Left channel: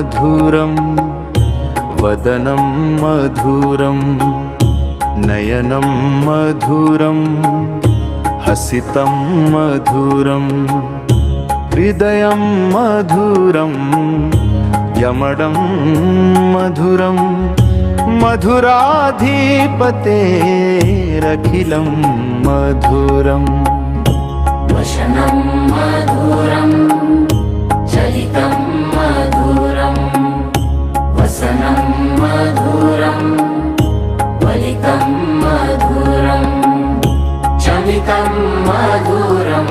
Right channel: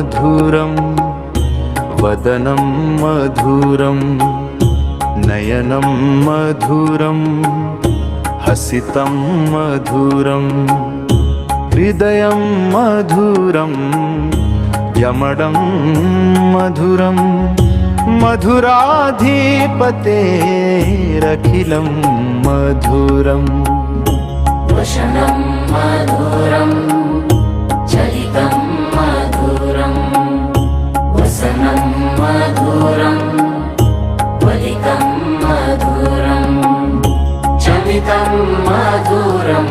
मधुरं वदनं मधुरं नयनं मधुरं हसितं मधुरं हृदयं मधुरं यमडं मधुरं मधुराधिपतेरखिलं मधुरम् वशनं मधुरं चलितं मधुरं वसनं मधुरं वलितं मधुरं चमितं मधुरं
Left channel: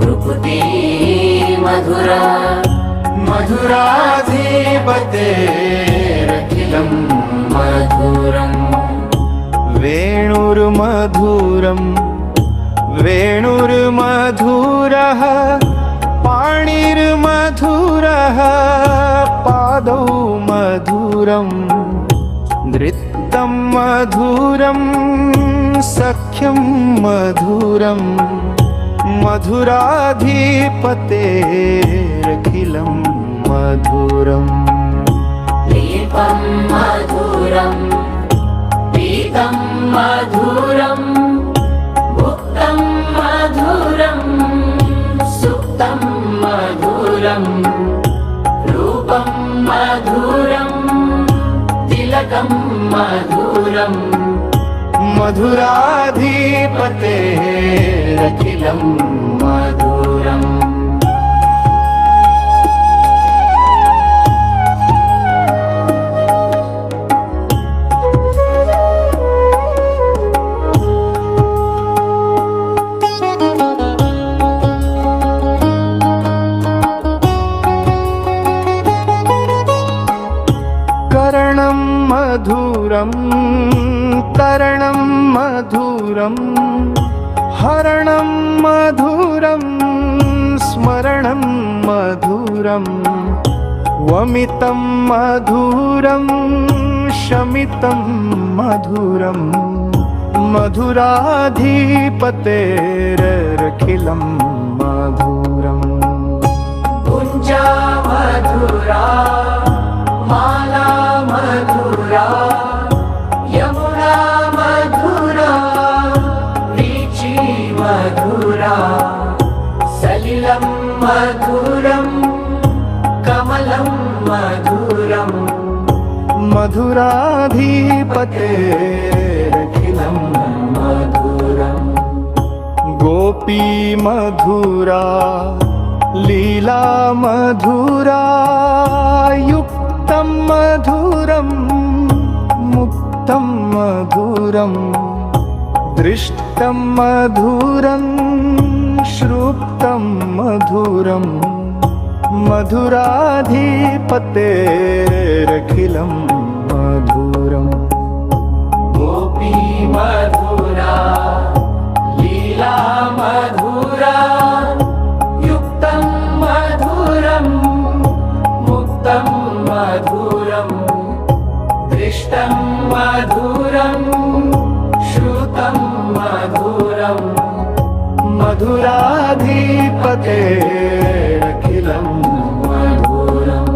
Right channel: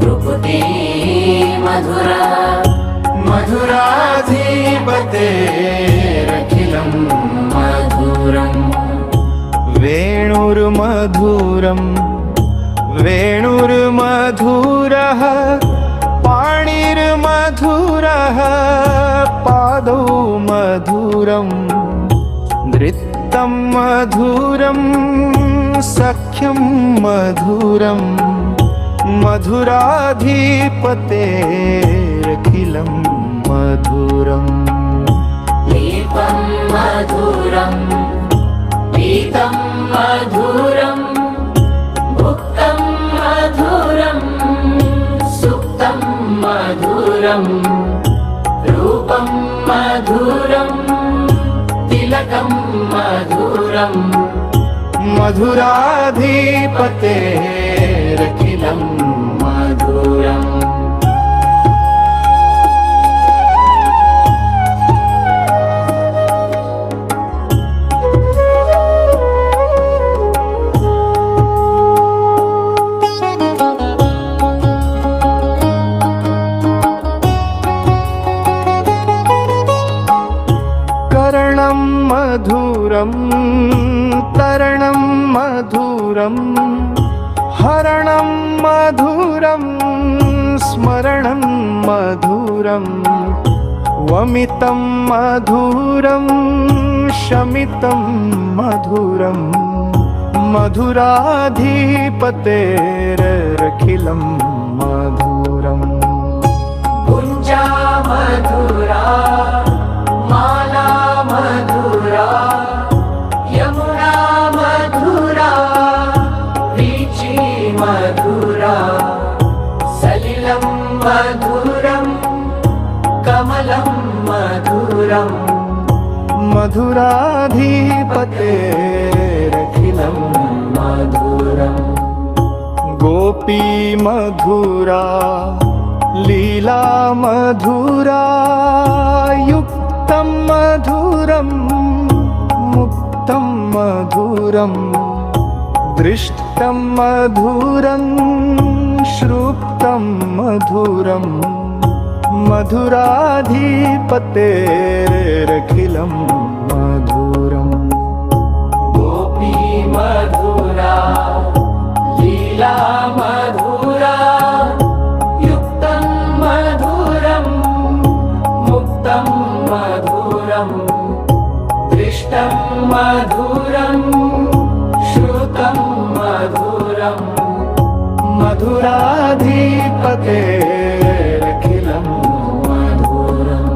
भ्रुकुटी मधुरा मधुराधिपतेरखिलं मधुरम् वेणुर्मधुरं वेणुर्मधुरः पाणिर्मधुरः पादौ मधुरं नृत्यं मधुरं सख्यं मधुरं मधुराधिपतेरखिलं मधुरम् दीपं मधुरं पीतं मधुरं भुक्तं मधुरं सुप्तं मधुरं रूपं मधुरं तिलकं मधुरं मधुराधिपतेरखिलं मधुरम् करणं मधुरं तरणं मधुरं हरणं मधुरं स्मरणं मधुरं वमितं मधुरं शमितं मधुरं मधुराधिपतेरखिलं मधुरम् कुञ्जा मधुरा माला मधुरा यमुना मधुरा वीची मधुरा सलिलं मधुरं कमलं मधुरं मधुराधिपतेरखिलं मधुरम् गोपी मधुरा लीला मधुरा युक्तं मधुरं मुक्तं मधुरं दृष्टं मधुरं श्रुतं मधुरं मधुराधिपतेरखिलं मधुरम् गोपी मधुरा लीला मधुरा युक्तं मधुरं मुक्तं मधुरं दृष्टं मधुरं श्रुतं मधुरं मधुराधिपतेरखिलं मधुरम्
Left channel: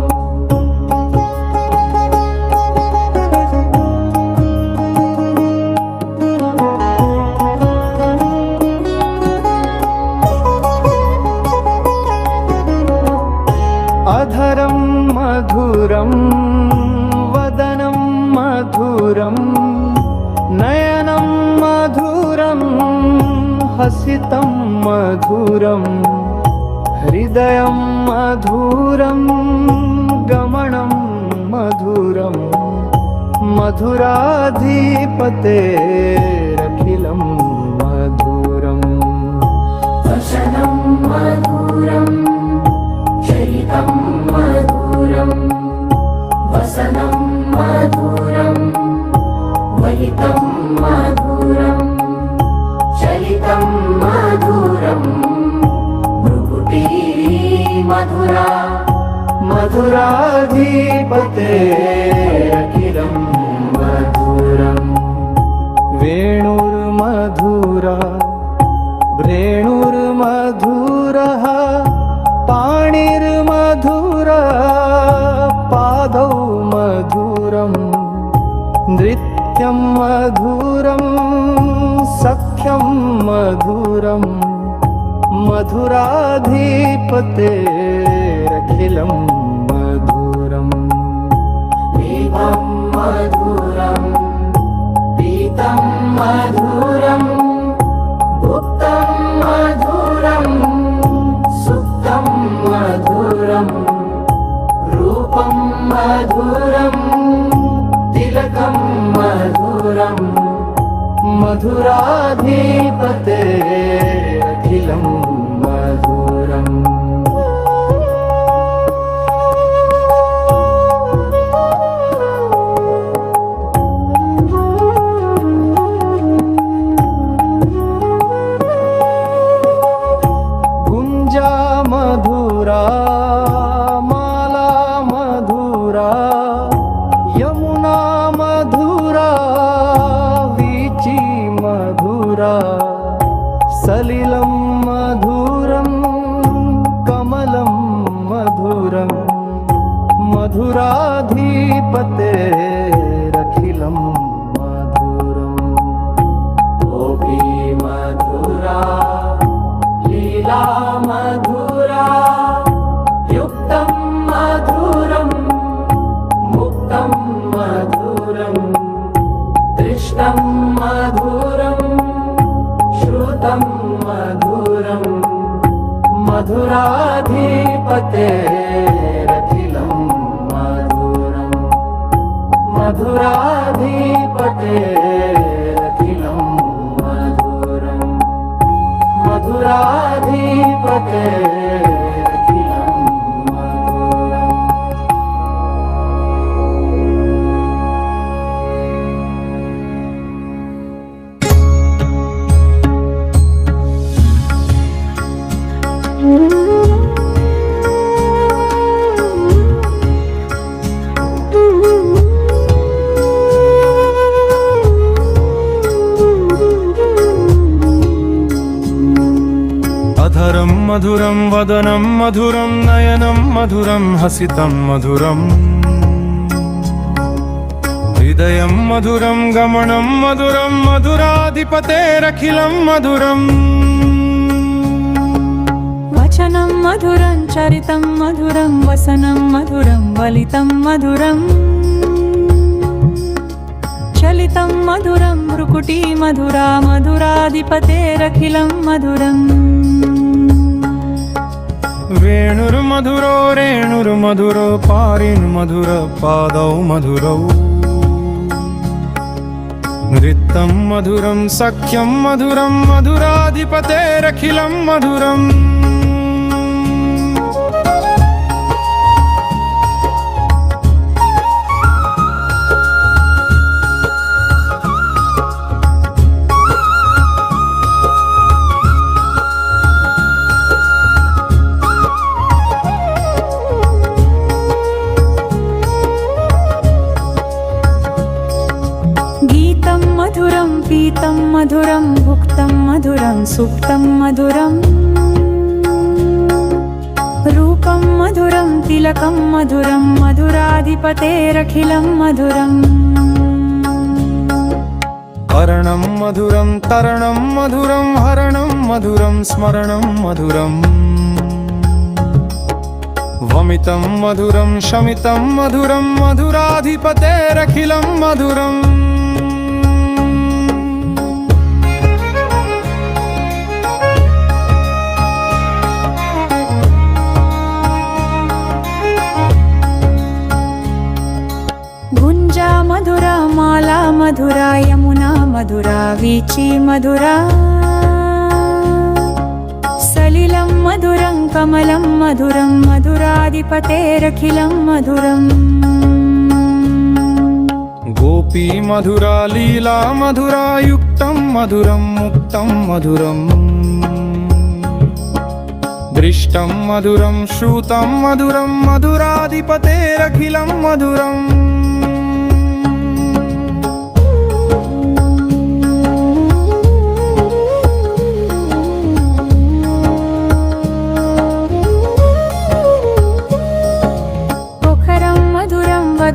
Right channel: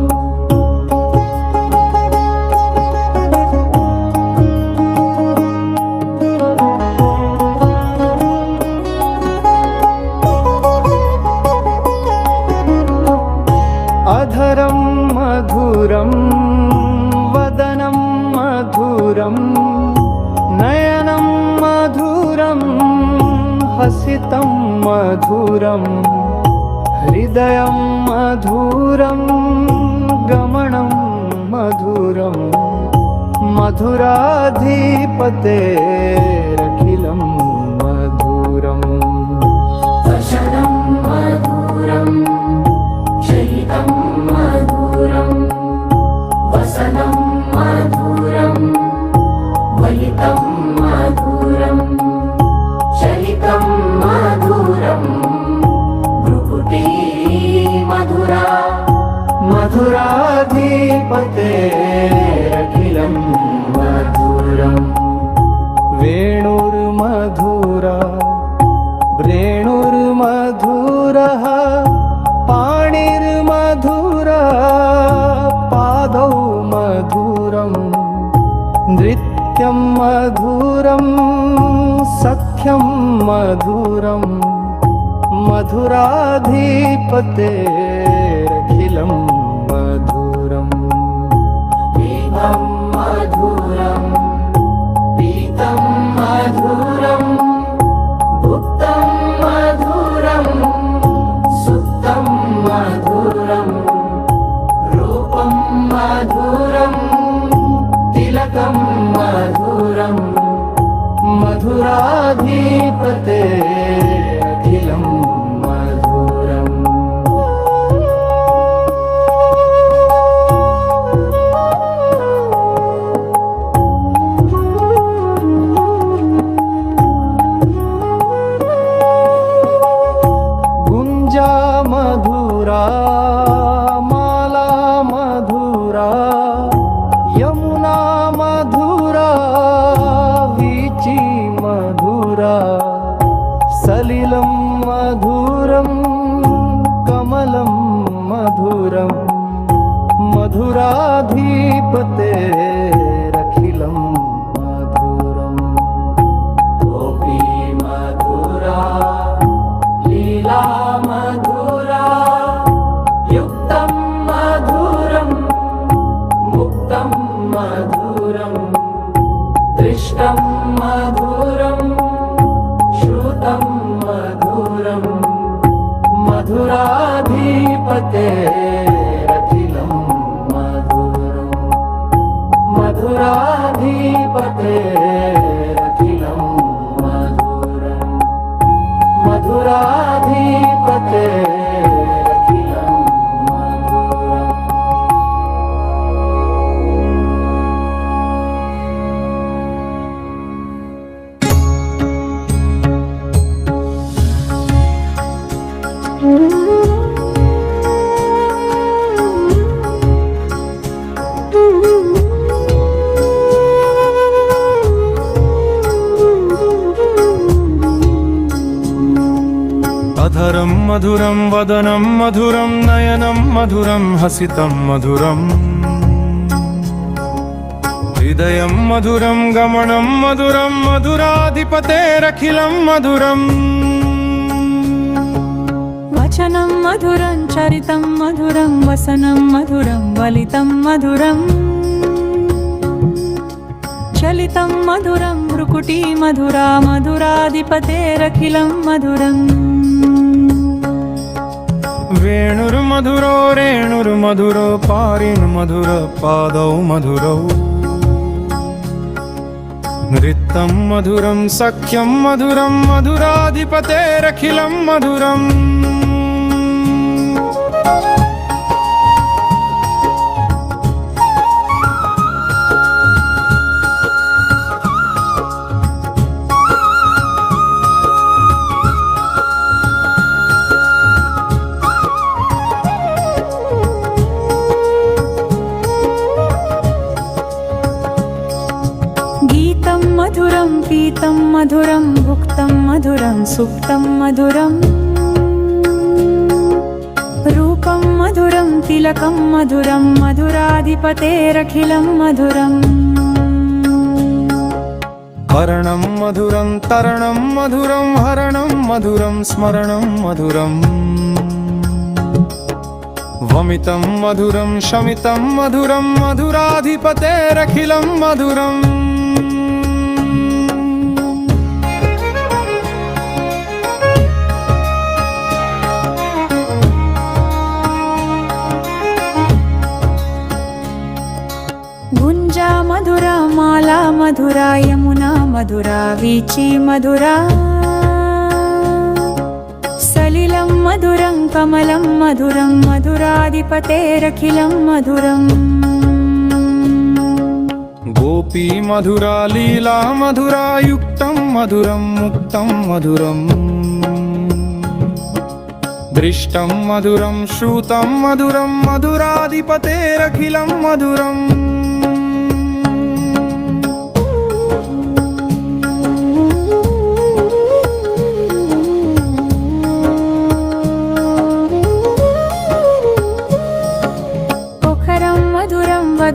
अधरं मधुरं वदनं मधुरं नयनं मधुरं हसितं मधुरं हृदयं मधुरं गमनं मधुरं मधुराधिपतेरखिलं मधुरम् वशनं मधुरं चलितं मधुरं वसनं मधुरं वलितं मधुरं चलितं मधुरं भ्रुकुटी मधुरा मधुराधिपतेरखिलं मधुरम् वेणुर्मधुरा वेणुर्मधुरः पाणिर्मधुरः पाणिर्मधुरा पादौ मधुरम् नृत्यं मधुरं सख्यं मधुरम् मधुराधिपतेरखिलं मधुरम् पीतं मधुरं पीतं मधुरं भुक्तं मधुरं सुप्तं मधुरं रूपं मधुरं तिलकं मधुरं मधुराधिपतेरखिलं मधुरम् गुंजा मधुरा माला मधुरा यमुना मधुरा वीची मधुरा सलिलं मधुरं कमलं मधुरं मधुराधिपतेरखिलं मधुरम् गोपी मधुरा लीला मधुरा युक्तं मधुरं मुक्तं मधुरं दृष्टं मधुरं श्रुतं मधुरं मधुराधिपतेरखिलं मधुरम् मधुराधिपतेरखिलं मधुरम् मधुराधिपतेरखिलं मधुरम् अधरं मधुरं वदनं मधुरं नयनं मधुरं हसितं मधुरम् हृदयं मधुरं गमनं मधुरं मधुराधिपतेरखिलं मधुरम् वचनं मधुरं चरितं मधुरं वसनं मधुरं वलितं मधुरम् चलितं मधुरं भ्रुकुटी मधुरा मधुराधिपतेरखिलं मधुरम् वेणुर्मधुरो रेणुर्मधुरो पारिन्मधुर पादौ मधुरौ नृत्यं मधुरं सख्यं मधुरं मधुराधिपतेरखिलं मधुरम् गीतं मधुरं पीतं मधुरं भुक्तं मधुरं सुप्तं मधुरम् रूपं मधुरं तिलकं मधुरं मधुराधिपतेरखिलं मधुरम् हरणं मधुरं तरणं मधुरं हरणं मधुरं स्मरणं मधुरम् वमितं मधुरं शमितं मधुरं मधुराधिपतेरखिलं मधुरम् गुंजा मधुरा माला मधुरा यमुना मधुरा वीची मधुरा सलिलं मधुरं कमलं मधुरं मधुराधिपतेरखिलं मधुरम् गोपी मधुरा लीला मधुरा युक्तं मधुरं मुक्तं मधुरम् दृष्टं मधुरं श्रुतं मधुरं मधुराधिपतेरखिलं मधुरम्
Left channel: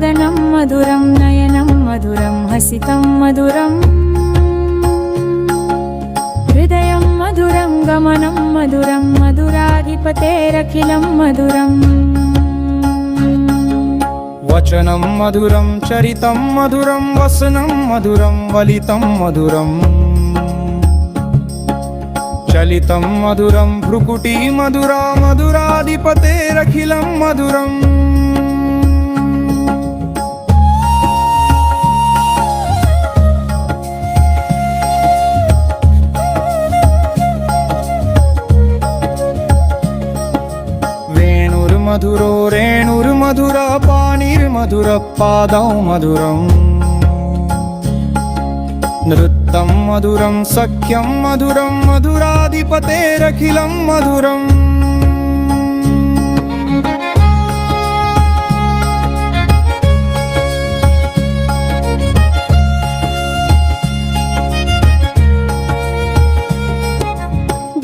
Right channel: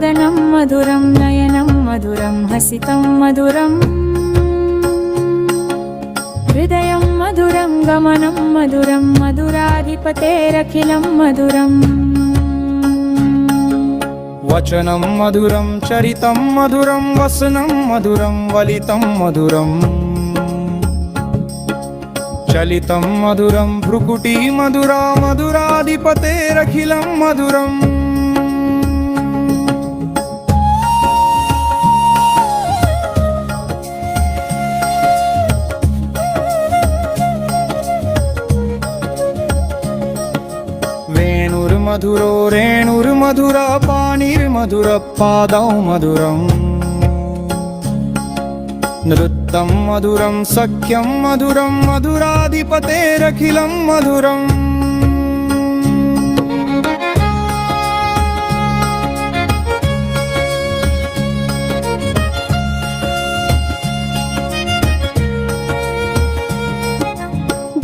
वदनं मधुरं नयनं मधुरं हसितं मधुरम् हृदयं मधुरं गमनं मधुरं मधुराधिपतेरखिलं मधुरम् वचनं मधुरं चरितं मधुरं वसनं मधुरं वलितं मधुरम् चलितं मधुरं भ्रुकुटी मधुरा मधुराधिपतेरखिलं मधुरम् वेणुर्मधुरो रेणुर्मधुरा पाणिर्मधुर पादौ मधुरम् नृत्तं मधुरं सख्यं मधुरं मधुराधिपतेरखिलं मधुरम्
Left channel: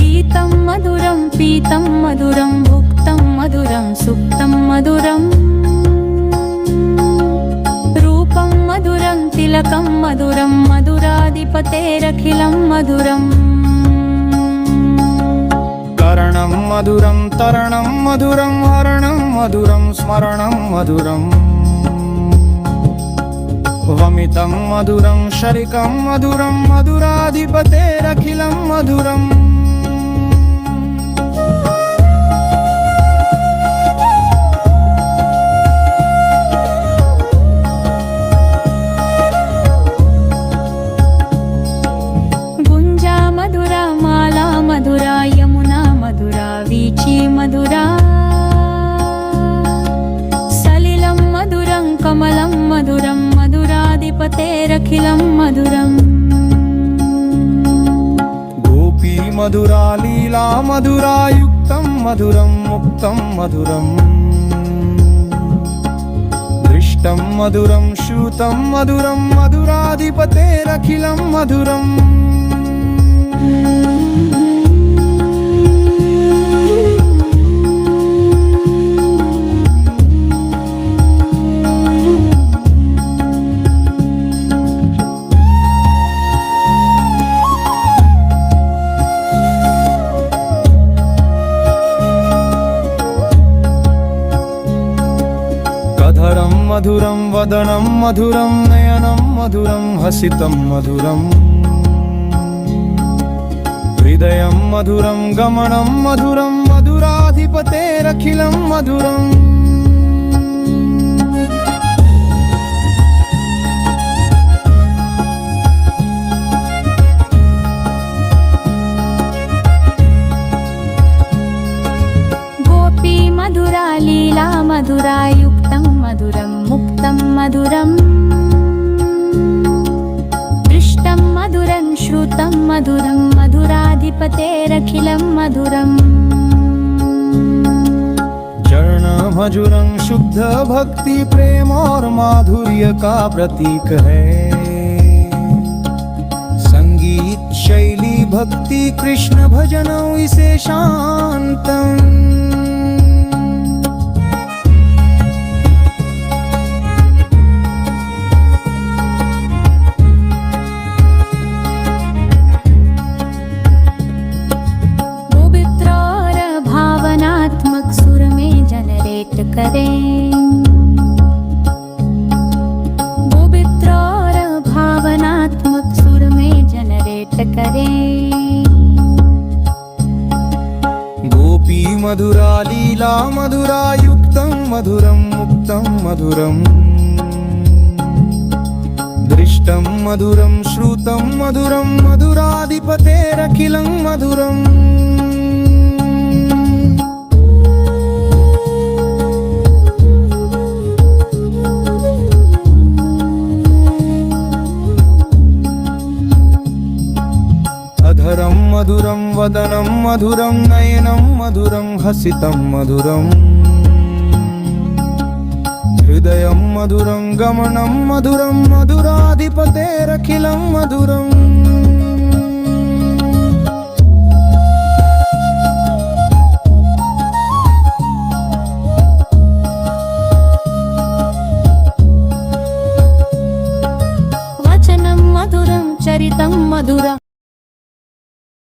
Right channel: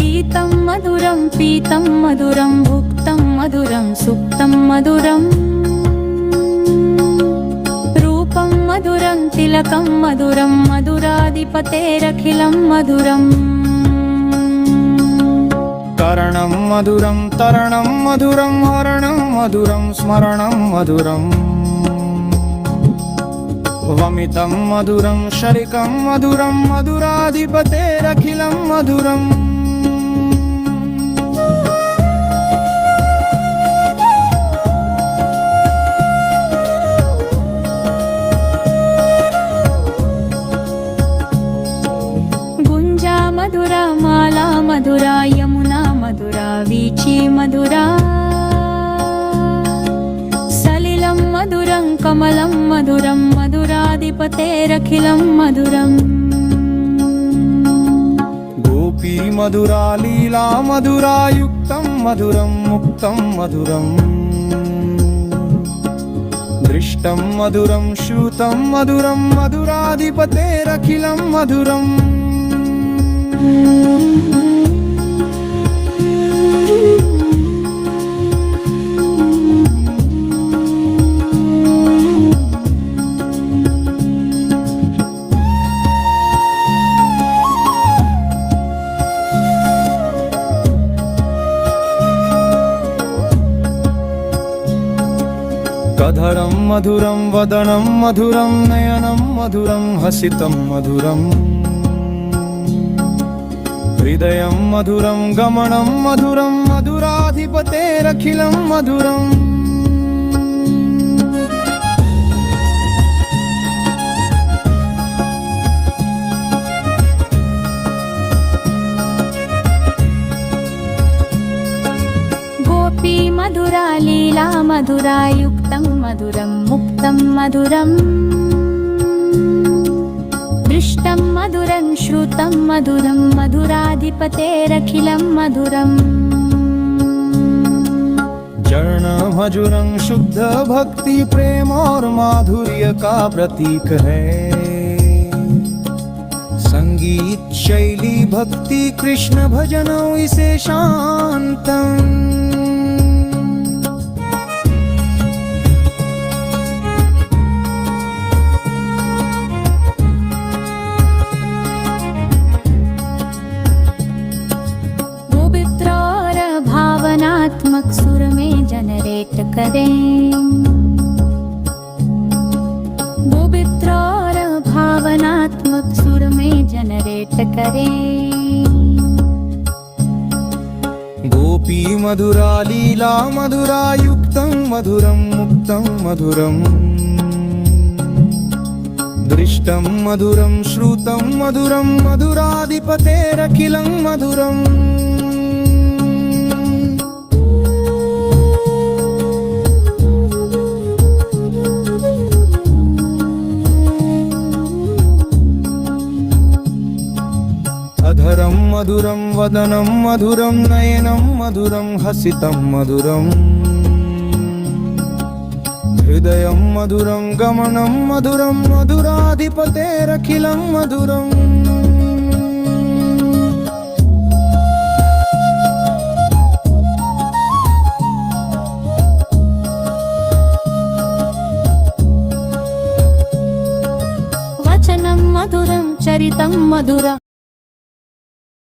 गीतं मधुरं पीतं मधुरं भुक्तं मधुरं सुप्तं मधुरम् रूपं मधुरं तिलकं मधुरं मधुराधिपतेरखिलं मधुरम् करणं मधुरं तरणं मधुरं हरणं मधुरं स्मरणं मधुरम् वमितं मधुरं शरिकं मधुरं मधुराधिपतेरखिलं मधुरम् गुञ्जा मधुरा माला मधुरा यमुना मधुरा वीची मधुरा सलिलं मधुरं कमलं मधुरं मधुराधिपतेरखिलं मधुरम् गोपी मधुरा लीला मधुरा युक्तं मधुरं मुक्तं मधुरम् दृष्टं मधुरं श्रुतं मधुरं मधुराधिपतेरखिलं मधुरम् कधरं मधुरं वदनं मधुरं नयनं मधुरं हसितं मधुरम् हृदयं मधुरं गमनं मधुरं मधुराधिपतेरखिलं मधुरम् गोपी मधुरा लीला मधुरा युक्तं मधुरं मुक्तं मधुरम् दृष्टं मधुरं श्रुतं मधुरं मधुराधिपतेरखिलं मधुरम् जर्ण मधुरं शुद्ध भक्ति प्रेम और माधुर्य का प्रतीक है संगीत शैली भक्ति कृष्ण भजनों इसे शांतम भावनात्मक सुर में जनरेट करें पवित्र और भावनात्मक सुर में जनरेट करें गोपी मधुरा लीला मधुरा युक्तं मधुरं मुक्तं मधुरम् दृष्टं मधुरं श्रुतं मधुरं मधुराधिपतेरखिलं मधुरम् अधरं मधुरं वदनं मधुरं नयनं मधुरं हसितं मधुरम् हृदयं मधुरं गमनं मधुरं मधुराधिपतेरखिलं मधुरम् चरितं मधुरम्